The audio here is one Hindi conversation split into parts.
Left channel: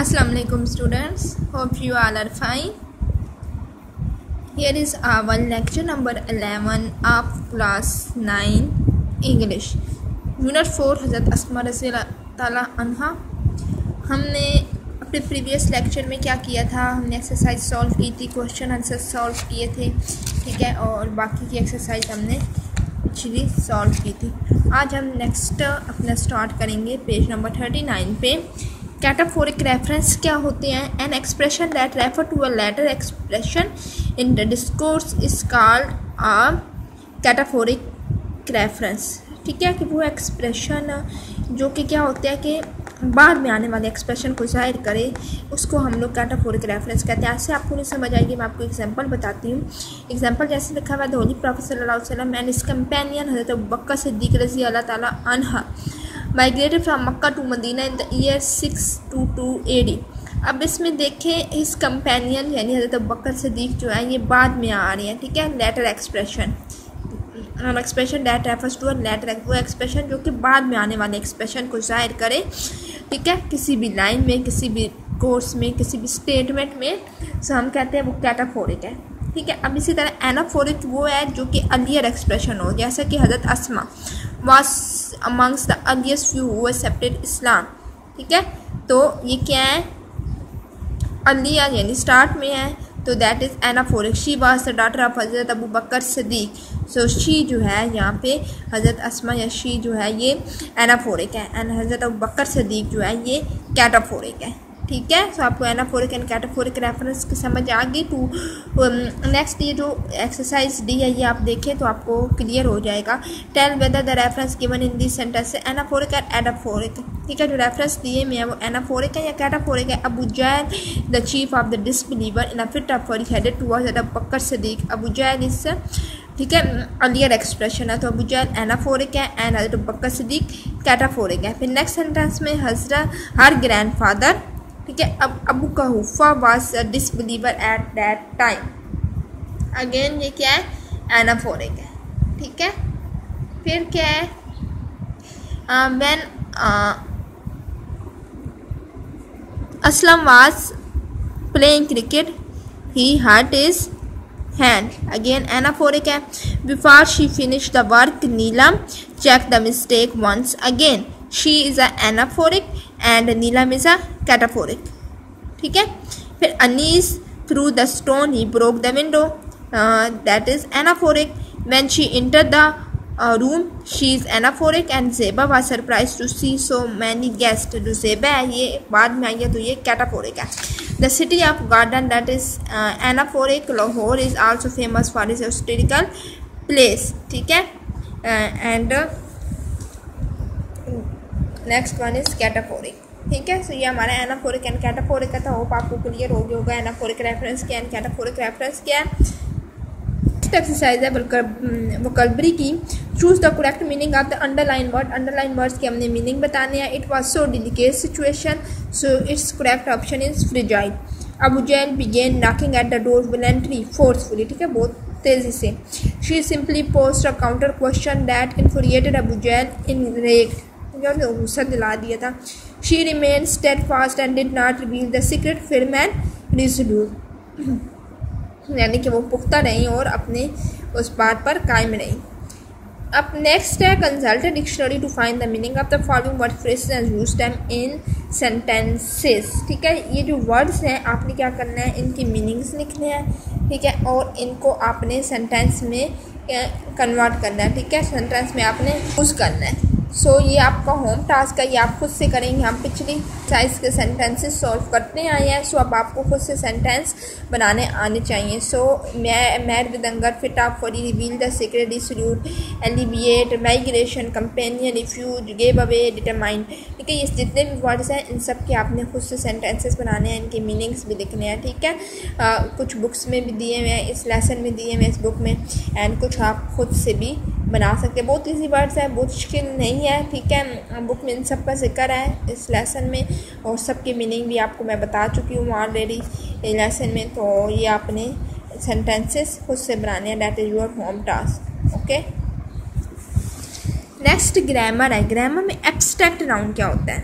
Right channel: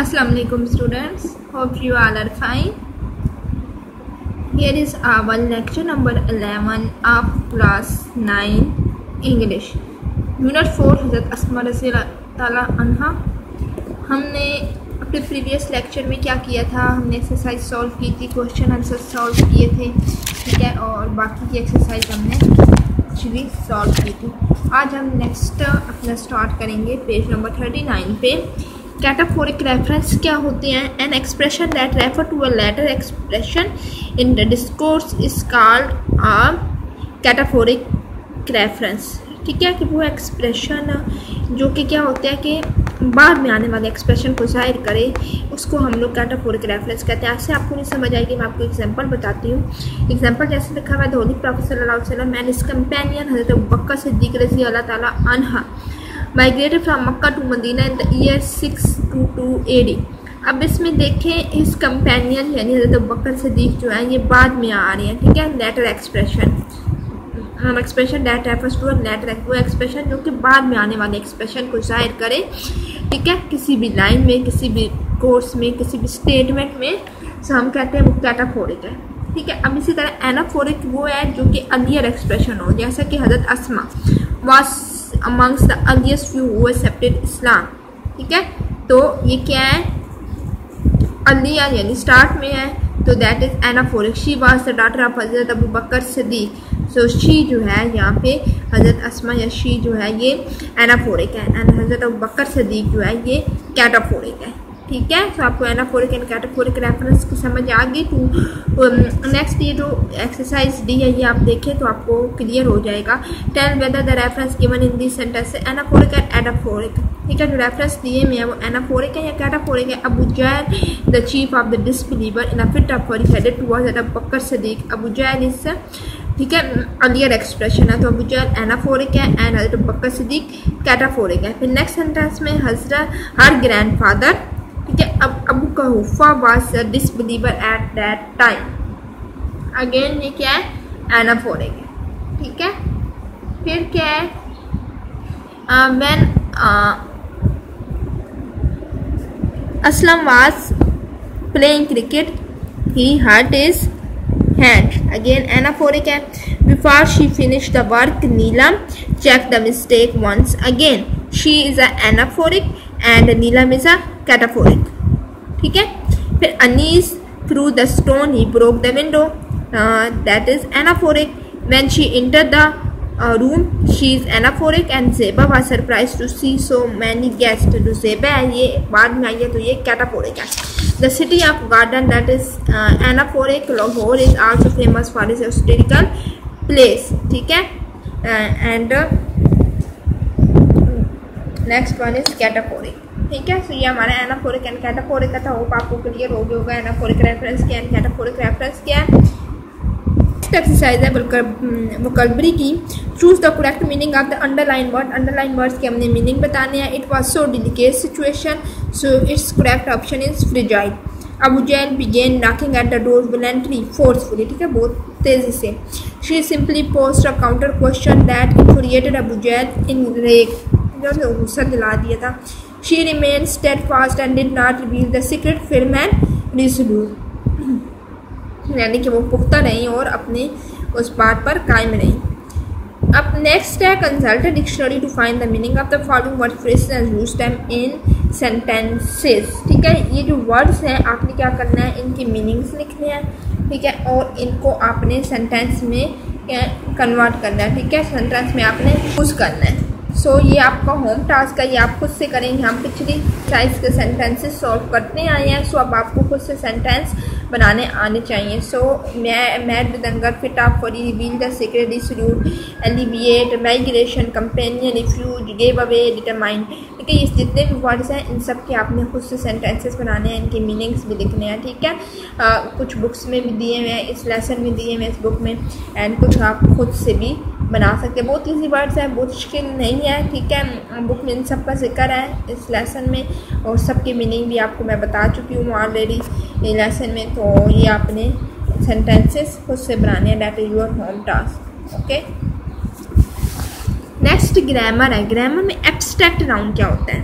Assalamualaikum students, hope you all are fine. Here is our lecture number 11 of class 9 English Unit 4 हज़रत अस्मा रज़ी ताला अन्हा। हमने अपने प्रीवियस लेक्चर में क्या किया था, हमने एक्सरसाइज सॉल्व की थी, क्वेश्चन आंसर सॉल्व किए थे, ठीक है, और बाकी की एक्सरसाइज हमने एक्चुअली सॉल्व की थी। आज हम नेक्स्ट अपना स्टार्ट करेंगे पेज नंबर 39 पे। कैटाफोरिक रेफरेंस क्या होते हैं? An expression that refer to a later expression in the discourse is called a cataphoric reference, ठीक है, कि वो एक्सप्रेशन जो कि क्या होता है कि बाद में आने वाले एक्सप्रेशन को जाहिर करे, उसको हम लोग कैटाफोरिक रेफरेंस कहते हैं। ऐसे आपको नहीं समझ आएगी, मैं आपको एग्जांपल बताती हूँ। एग्जांपल जैसे लिखा हुआ है, द होली प्रॉफेट सल्लल्लाहु अलैहि वसल्लम एंड हिज कंपेनियन हज़रत अबू बकर सिद्दीक़ रज़ी अल्लाह ताला अन्हा migrated from Mecca to Medina in the year 622 AD। अब इसमें देखें, इस कंपेनियन यानी हज़रत अबू बकर सिद्दीक़ जो है ये बाद में आ रही है, ठीक है। Later expression that refers to a later, वो एक्सप्रेशन जो कि बाद में आने वाले एक्सप्रेशन को जाहिर करे, ठीक है, किसी भी लाइन में, किसी भी कोर्स में, किसी भी स्टेटमेंट में, सो हम कहते हैं वो कैटाफोरिक है, ठीक है। अब इसी तरह एनाफोरिक वो है जो कि अर्लियर एक्सप्रेशन हो, जैसा कि हज़रत Asma was amongst the earliest few who accepted Islam, ठीक है। तो ये क्या है? अर्लियर यानी स्टार्ट में है, तो that is anaphoric. She was the daughter of हज़रत Abu Bakr Siddiq, so she जो है यहाँ पे हज़रत अस्मा या शी जो है ये एनाफोरिक है, एंड हज़रत अबू बकर सिद्दीक़ जो है ये कैटाफोरिक है, ठीक है। सो आपको एनाफोरिक एंड कैटाफोरिक रेफरेंस की समझ आ गई। तो नेक्स्ट ये जो एक्सरसाइज डी है ये आप देखें तो आपको क्लियर हो जाएगा। Tell whether the reference given in this sentence anaphoric and एडाफोरिक, ठीक है। जो रेफरेंस दिए में है वो एनाफोरिक है या कैटाफोरिक है? Abu Jahl the chief of the disbeliever in a fit of fury headed towards Abu Bakr Siddiq. Abu Jahl इस, ठीक है, अर्लियर एक्सप्रेशन है, तो अबू जहल एनाफोरिक है एंड हज़रत अबू बकर सिद्दीक़ कैटाफोरिक है। फिर नेक्स्ट सेंटेंस में हर ग्रैंडफादर, ठीक है, अब Abu Quhafa was a disbeliever at that time, again ये क्या है? एनाफोरिक है, ठीक है। फिर क्या है? When Aslam was playing cricket he hurt his hand, again anaphoric है। Before she finish the work Neelam check the mistake once, again she is a anaphoric and Neelam is a cataphoric, ठीक है। फिर Anees threw the stone he broke the window, that is anaphoric. When she enter the room she is anaphoric and Zeba was surprise to see so many guest, जो ज़ेबा है ये बाद में आई है तो ये कैटाफोरिक है। The city of garden that is anaphoric. Lahore is also famous for is historical place, ठीक है। And next one is cataphoric, ठीक है। सो ये हमारा एनाफोरिक एंड कैटाफोरिक का था। होप आपको क्लियर हो गया होगा एनाफोरिक रेफरेंस क्या है, कैटाफोरिक रेफरेंस क्या है। नेक्स्ट एक्सरसाइज है वोकैबुलरी की। Choose the correct meaning of the underline word. Underline words के हमने मीनिंग बताने हैं। It was so delicate situation, so its correct option is fragile. Abu Jahl began knocking at the door violently forcefully, ठीक है, बहुत तेजी से। She simply post a counter question that infuriated Abu Jahl in rage, गुस्सा दिला दिया था। She remained steadfast and did not reveal the secret, firm and resolute, यानी कि वो पुख्ता रही और अपने उस बात पर कायम रही। अब नेक्स्ट है consult dictionary to find the meaning of the following word phrases and use them in sentences, ठीक है। ये जो वर्ड्स हैं आपने क्या करना है, इनकी मीनिंग्स लिखने हैं, ठीक है, और इनको आपने सेंटेंस में कन्वर्ट करना है, ठीक है, सेंटेंस में आपने यूज़ करना है। सो ये आपका होम टास्क है, ये आप खुद से करेंगे। हम पिछली साइज के सेंटेंसेस सॉल्व करते आए हैं, सो अब आपको खुद से सेंटेंस बनाने आने चाहिए। So mad with hunger, fit of for, reveal the secret, dissolute, alleviate, migration, companion, refuse, give away, determine, ठीक है। ये जितने भी वर्ड्स हैं इन सब के आपने खुद से सेंटेंसेस बनाने हैं, इनके मीनिंग्स भी लिखने हैं, ठीक है। कुछ बुक्स में भी दिए हुए हैं, इस लेसन में दिए हुए हैं इस बुक में, एंड कुछ आप खुद से भी बना सकते हैं। बहुत ईजी वर्ड्स हैं, बहुत मुश्किल नहीं है, ठीक है। बुक में इन सब का जिक्र है इस लेसन में, और सबकी मीनिंग भी आपको मैं बता चुकी हूँ ऑलरेडी लेसन में। तो ये आपने सेंटेंसेस खुद से बनाने हैं, that is your home task, okay. Next grammar है। ग्रामर में एब्स्ट्रैक्ट नाउन क्या होता है?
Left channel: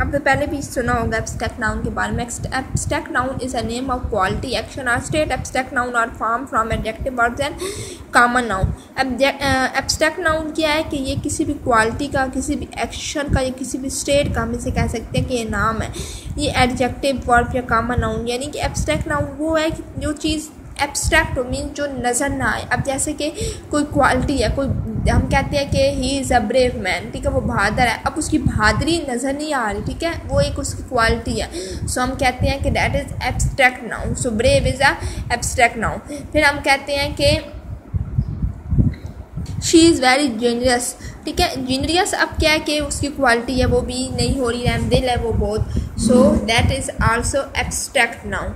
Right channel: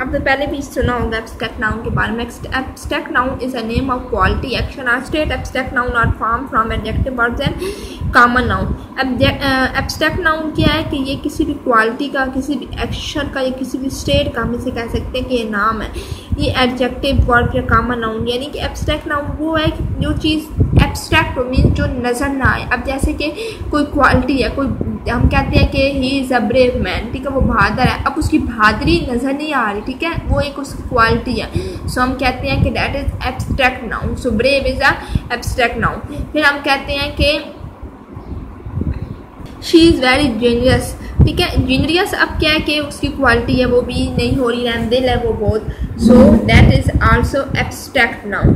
आपने पहले भी सुना होगा एब्स्ट्रैक्ट नाउन के बारे में। Abstract noun is a name of quality action और state. Abstract noun are form from adjective words and common noun. Abstract noun क्या है कि ये किसी भी क्वालिटी का, किसी भी एक्शन का या किसी भी स्टेट का हम इसे कह सकते हैं कि ये नाम है। ये एडजेक्टिव वर्ड या कॉमन नाउन, यानी कि एब्स्ट्रैक्ट नाउन वो है कि जो चीज़ एब्स्ट्रैक्ट मीन जो नज़र ना आए। अब जैसे कि कोई क्वालिटी है, कोई हम कहते हैं कि he is a brave man, ठीक है, वो बहादुर है। अब उसकी बहादुरी नज़र नहीं आ रही, ठीक है, वो एक उसकी क्वालिटी है। सो हम कहते हैं कि that is abstract noun. So brave is a abstract noun. फिर हम कहते हैं कि शी इज़ वेरी जेनियस, ठीक है। जेनियस अब क्या है कि उसकी क्वालिटी है वो भी नहीं हो रही है, दिल है वो बहुत। So that is also abstract noun,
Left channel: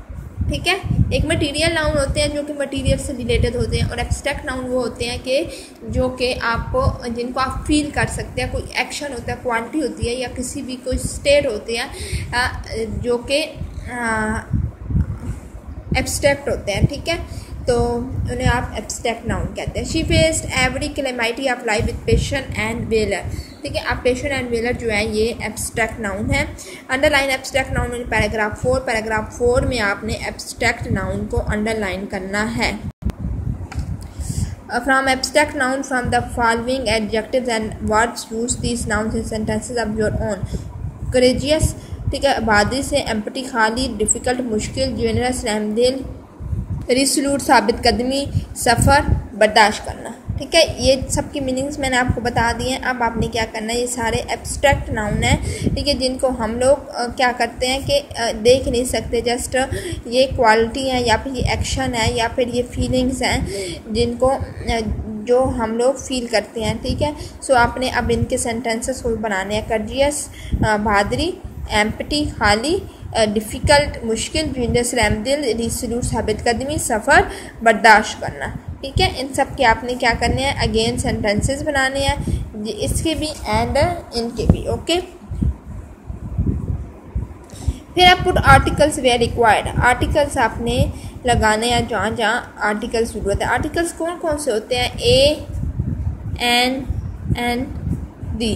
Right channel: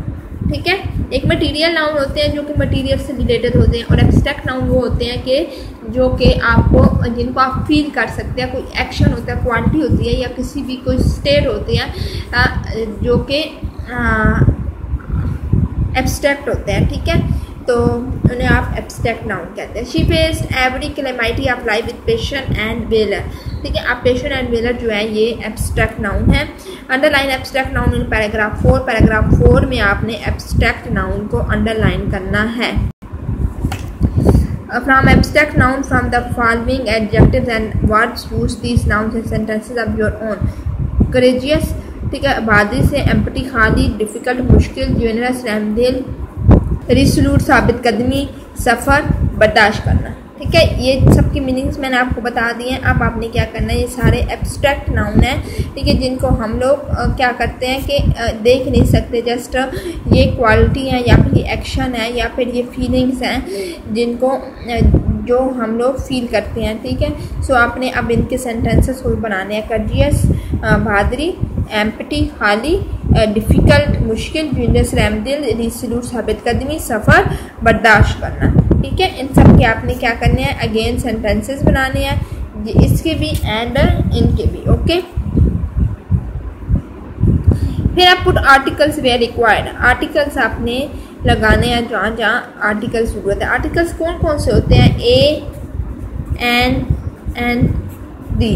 ठीक है। एक मटीरियल नाउन होते हैं जो कि मटीरियल से रिलेटेड होते हैं, और एब्स्ट्रैक्ट नाउन वो होते हैं कि जो कि आपको, जिनको आप फील कर सकते हैं। कोई एक्शन होता है, क्वांटिटी होती है, या किसी भी कोई स्टेट होते हैं जो कि एब्स्ट्रैक्ट होते हैं, ठीक है, तो उन्हें आप एब्स्ट्रैक्ट नाउन कहते हैं। She faced every calamity of life with patience and valour, ठीक है। आप पेशेंस एंड वेलर जो है ये एब्स्ट्रैक्ट नाउन है। Underline abstract noun in paragraph 4। Paragraph 4 में आपने एब्स्ट्रैक्ट नाउन को अंडरलाइन करना है। From abstract noun, from the following adjectives and words, use these nouns in sentences of your own. Courageous, ठीक है, आबादी से, एम्प्टी खाली, डिफ़िकल्ट मुश्किल, जेनरस रहमदिल, रिसोल्यूट साबित कदमी, सफ़र बर्दाश्त करना, ठीक है। ये सब की मीनिंग्स मैंने आपको बता दिए हैं। अब आपने क्या करना है, ये सारे एब्स्ट्रैक्ट नाउन है, ठीक है, जिनको हम लोग क्या करते हैं कि देख नहीं सकते, जस्ट ये क्वालिटी है या फिर ये एक्शन है या फिर ये फीलिंग्स हैं जिनको जो हम लोग फील करते हैं, ठीक है। सो आपने अब इनके सेंटेंसेस को बनाने हैं। कर्जियस बहादुरी, एम्प्टी खाली, डिफ़िकल्ट मुश्किल, जेनरस रहमदिल, रिसोल्यूट साबित कदमी, सफ़र बर्दाश्त करना, ठीक है। इन सब के आपने क्या करने हैं, अगेन सेंटेंसेस बनाने हैं, इसके भी एंड इनके भी, ओके। फिर आप put articles where required. Articles आपने लगाने हैं जहाँ जहाँ आर्टिकल्स ज़रूरत है। आर्टिकल्स कौन कौन से होते हैं, ए, एन, दी,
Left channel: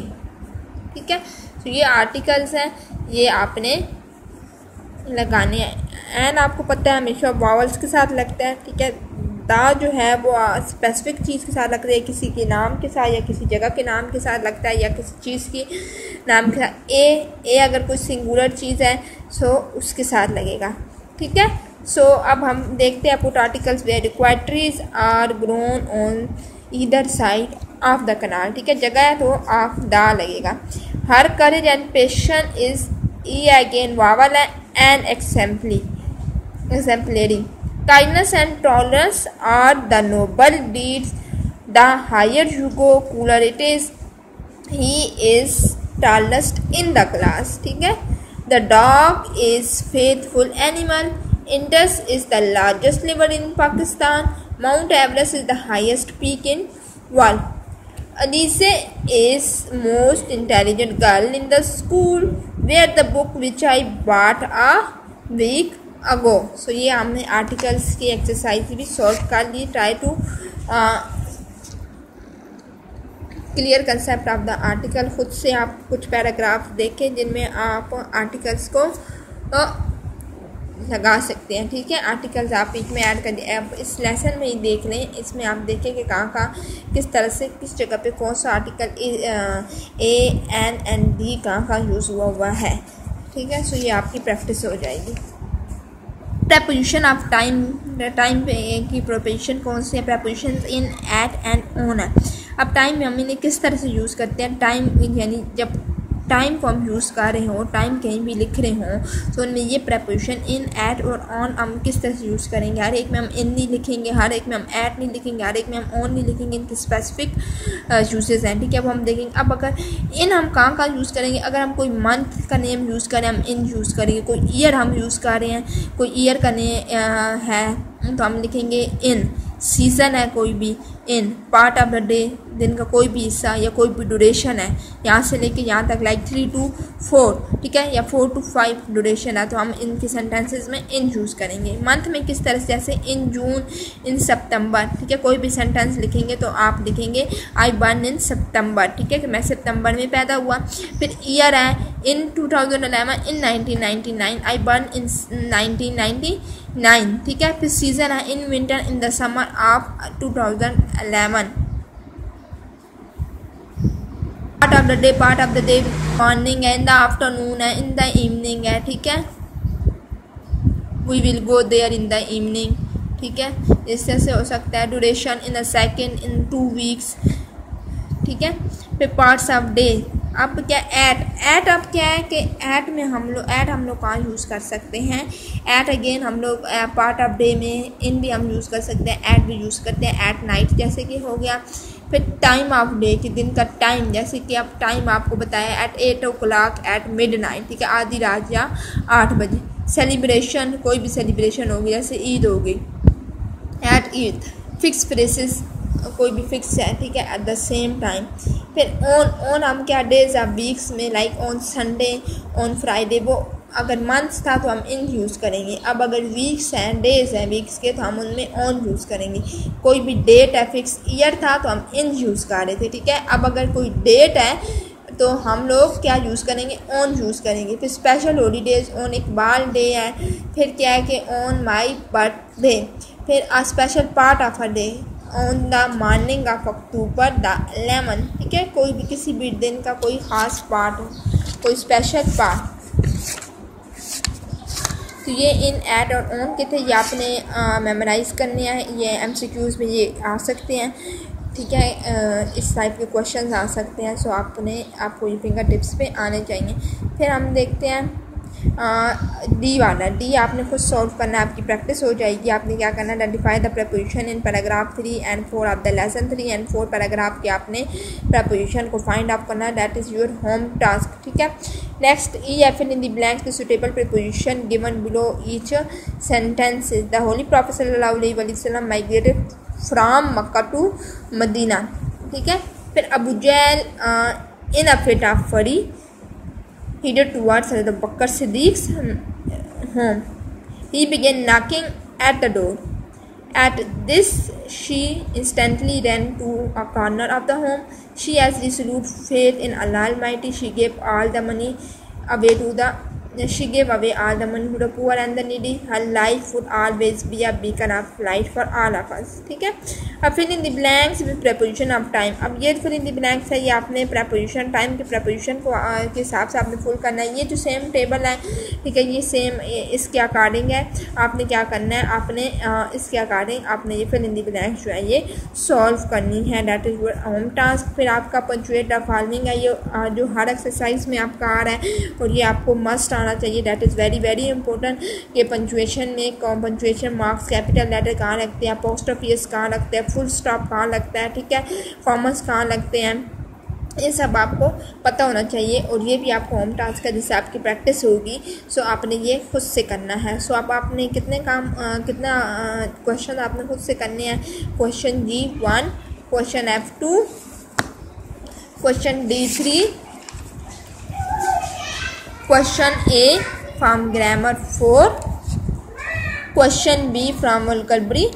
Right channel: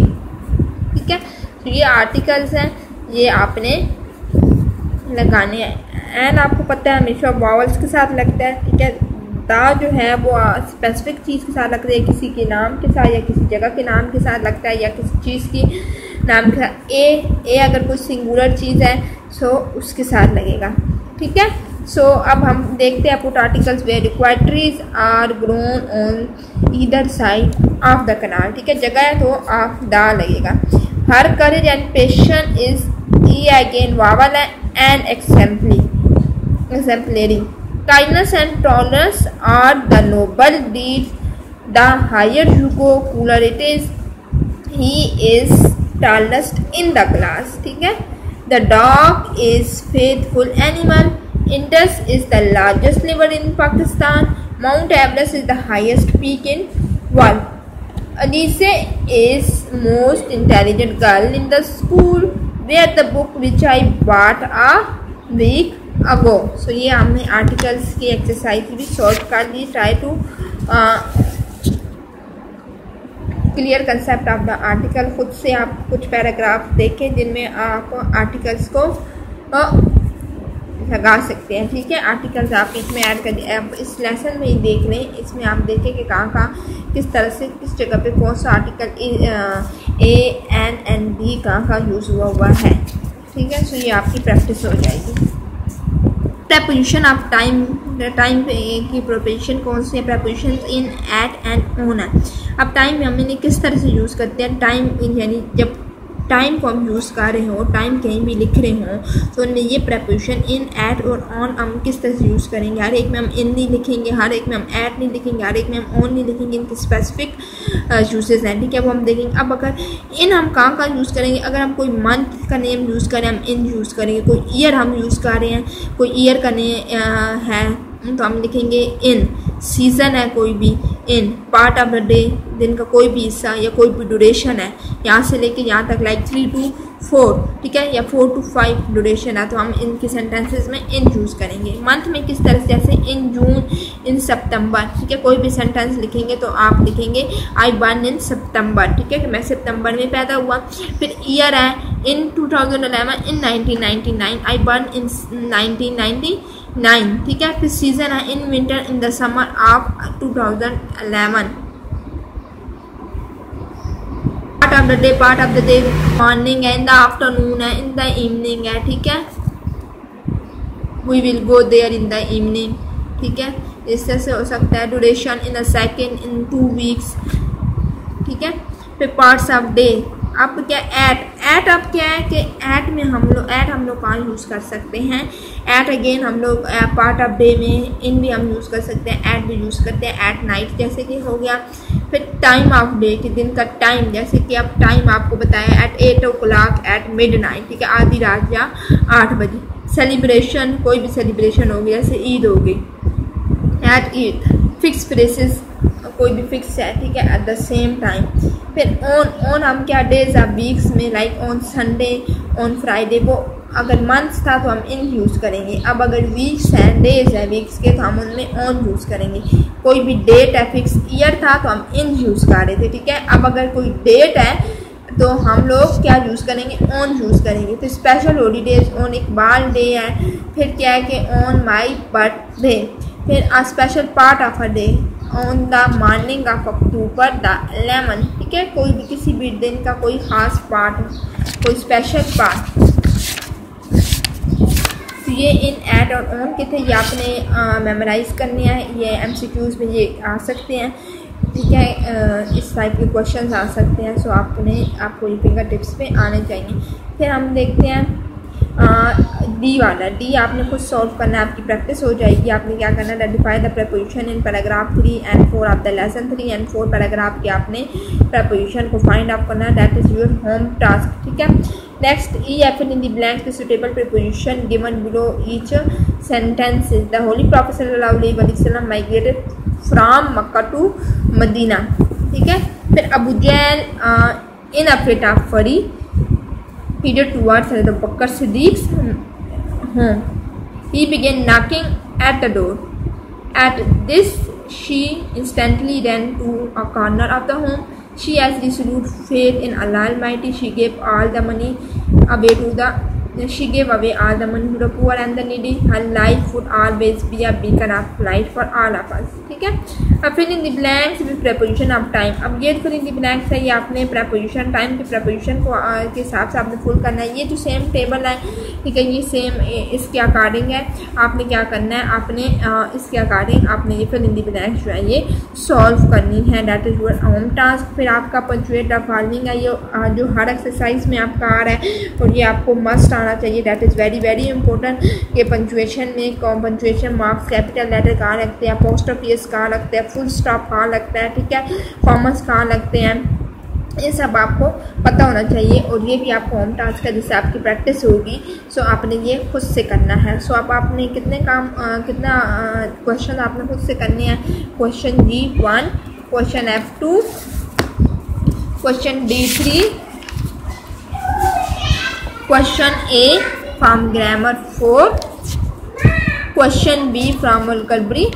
ठीक है। तो ये आर्टिकल्स हैं, ये आपने लगाने हैं। एन आपको पता है हमेशा वावल्स के साथ लगता है, ठीक है। दा जो है वो स्पेसिफिक चीज़ के साथ लगता है, किसी के नाम के साथ या किसी जगह के नाम के साथ लगता है, या किसी चीज़ की नाम के साथ। ए अगर कोई सिंगुलर चीज़ है सो उसके साथ लगेगा, ठीक है। सो अब हम देखते हैं put articles where required. Trees are grown on either side of the canal, ठीक है, जगह है तो ऑफ द लगेगा। Her courage and passion is E again vowel है, and exemplary. Kindness and tolerance are the noble deeds. The higher you go, cooler it is. He is tallest in the class, ठीक है। The dog is faithful animal. Indus is the largest river in Pakistan. Mount Everest is the highest peak in world. Alice is most intelligent girl in the school. Where the book which I bought a week ago. So ये हमने आर्टिकल्स की एक्सरसाइज भी सॉल्व कर ली। Try to clear concept of the article. खुद से आप कुछ पैराग्राफ देखें जिनमें आप आर्टिकल्स को लगा सकते हैं, ठीक है। आर्टिकल्स आप इसमें ऐड कर, आप इस लेसन में ही देख लें, इसमें आप देखें कि कहाँ किस तरह से किस जगह पे कौन सा आर्टिकल ए, एन, डी कहाँ यूज़ हुआ है, ठीक है। सो ये आपकी प्रैक्टिस हो जाएगी। प्रपोजिशन ऑफ टाइम की प्रोपोजिशन कौन सी है, preposition in, at and on है। अब टाइम हमने किस तरह से यूज़ करते हैं, टाइम इन यानी जब टाइम को हम यूज़ कर रहे हो, टाइम कहीं भी लिख रहे हो तो उनमें ये प्रपोजिशन इन, एट और ऑन हम किस तरह से यूज़ करेंगे। हर एक में हम इन नहीं लिखेंगे, हर एक में हम एट नहीं लिखेंगे, हर एक में हम ऑन नहीं लिखेंगे। इनके स्पेसिफिक यूजेस हैं, ठीक है। अब हम देखेंगे अब अगर इन हम कहाँ यूज़ करेंगे। अगर हम कोई मंथ का नेम यूज़ करें हम इन यूज़ करेंगे। कोई ईयर हम यूज़ कर रहे हैं, कोई ईयर का नेम है तो हम लिखेंगे इन। सीज़न है कोई भी, इन। पार्ट ऑफ अ डे, दिन का कोई भी हिस्सा या कोई भी ड्यूरेशन है यहाँ से लेके यहाँ तक, लाइक 3 to 4, ठीक है, या 4 to 5 ड्यूरेशन है तो हम इनके सेंटेंसेस में इन यूज़ करेंगे। मंथ में किस तरह से, जैसे इन जून, इन सितंबर, ठीक है, कोई भी सेंटेंस लिखेंगे तो आप लिखेंगे आई बॉर्न इन सितंबर, ठीक है, कि मैं सितंबर में पैदा हुआ। फिर ईयर है इन 2011, इन 1999, आई बॉर्न इन 1999, ठीक है। फिर सीजन है in winter, in the summer of 2011। Part of the day morning है, इन द आफ्टरनून है, इन द इवनिंग है, ठीक है, we will go there in the evening, ठीक है, इस तरह से हो सकता है। Duration in a second, in 2 weeks, ठीक है। फिर पार्ट्स ऑफ डे, अब क्या एट अब क्या है कि एट में हम लोग कहाँ यूज़ कर सकते हैं, एट अगेन हम लोग पार्ट ऑफ डे में इन भी हम यूज़ कर सकते हैं, एट भी यूज़ करते हैं, एट नाइट जैसे कि हो गया। फिर टाइम ऑफ डे कि दिन का टाइम, जैसे कि अब टाइम आपको बताया एट 8 o'clock एट मिडनाइट, ठीक है, आधी रात या 8 बजे। सेलिब्रेशन, कोई भी सेलिब्रेशन होगी जैसे ईद होगी, एट ईद। फिक्स प्लेसेस, कोई भी फिक्स है, ठीक है, एट द सेम टाइम। फिर ऑन हम क्या डेज ऑफ वीक्स में, like on Sunday, on Friday, वो अगर मंथ्स था तो हम इन यूज़ करेंगे। अब अगर वीक्स हैं, डेज हैं वीक्स के, तो हम उनमें ऑन यूज़ करेंगे। कोई भी डेट है, फिक्स ईयर था तो हम इन यूज़ कर रहे थे, ठीक है। अब अगर कोई डेट है तो हम लोग क्या यूज़ करेंगे, ऑन यूज़ करेंगे। फिर special holidays, on Iqbal day है। फिर क्या है कि ऑन माई बर्थडे। फिर a special part of a day, on the morning of October the 11, ठीक है, कोई भी किसी भी दिन का कोई ख़ास पार्ट हो, कोई स्पेशल पार्ट। तो ये इन, एट और ऑन के थे, ये आपने मेमोराइज़ करने हैं, ये MCQs में ये आ सकते हैं, ठीक है, इस टाइप के क्वेश्चंस आ सकते हैं। सो आपको ये फिंगर टिप्स पे आने चाहिए। फिर हम देखते हैं डी वाला। डी आपने खुद सॉल्व करना, आपकी प्रैक्टिस हो जाएगी। आपने क्या करना, identify the preposition in paragraph 3 and 4 of the lesson 3 and 4 paragraph के आपने प्रपोजिशन को फाइंड आउट करना, that is your home task, ठीक है। Next E F in the blanks the suitable preposition given below each sentence. The holy prophet सल्लल्लाहु अलैहि वसल्लम migrated from Mecca to Medina, ठीक है। फिर अबू जहल in a fit of fury headed towards Abu Bakr Siddiq's home. He began knocking at the door. At this, she instantly ran to a corner of the home. She has resolute faith in Allah Almighty. She gave all the money away to the poor and the needy. Her life would always be a beacon of light for all of us, ठीक है। अब fill in the blanks with preposition of time. अब ये फिल इन द ब्लैंक्स है, ये आपने प्रपोजिशन टाइम के प्रपोजिशन को के हिसाब से आपने फुल करना है। ये जो सेम टेबल है, ठीक है, ये सेम इसके अकॉर्डिंग है। आपने क्या करना है, आपने इसके अकॉर्डिंग आपने ये फिल इन द ब्लैंक्स जो है ये सॉल्व करनी है, that is your home task. फिर आपका पंचुएट द फॉलोइंग है, ये जो हर एक्सरसाइज में आपका आ रहा है और ये आपको मस्ट आना चाहिए, that is very very important. ये पंचुएशन में पंचुएशन मार्क्स कैपिटल लेटर कहाँ लगते हैं, अपोस्ट्रोफीज कहाँ लगते हैं, फुल स्टॉप कहाँ लगता है, ठीक है, कॉमर्स कहाँ लगते हैं, ये सब आपको पता होना चाहिए। और ये भी आपको होम टास्क है जिससे आपकी प्रैक्टिस होगी। सो आपने ये खुद से करना है। सो अब आपने कितना क्वेश्चन आपने खुद से करने हैं। Question D1, question F2, question D3, question A from grammar 4, question B from vocabulary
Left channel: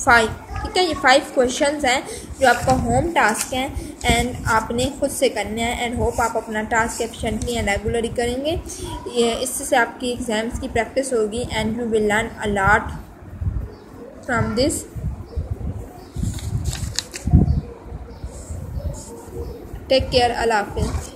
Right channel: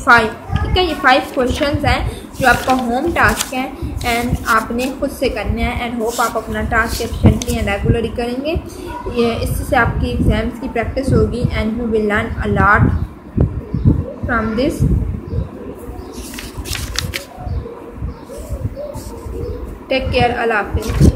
5, ठीक है। ये 5 क्वेश्चंस हैं जो आपका होम टास्क है एंड आपने खुद से करना है। एंड होप आप अपना टास्क एफिशिएंटली एंड रेगुलरली करेंगे। ये इससे आपकी एग्जाम्स की प्रैक्टिस होगी and you will learn a lot from this. Take care, अल्लाह हाफिज़।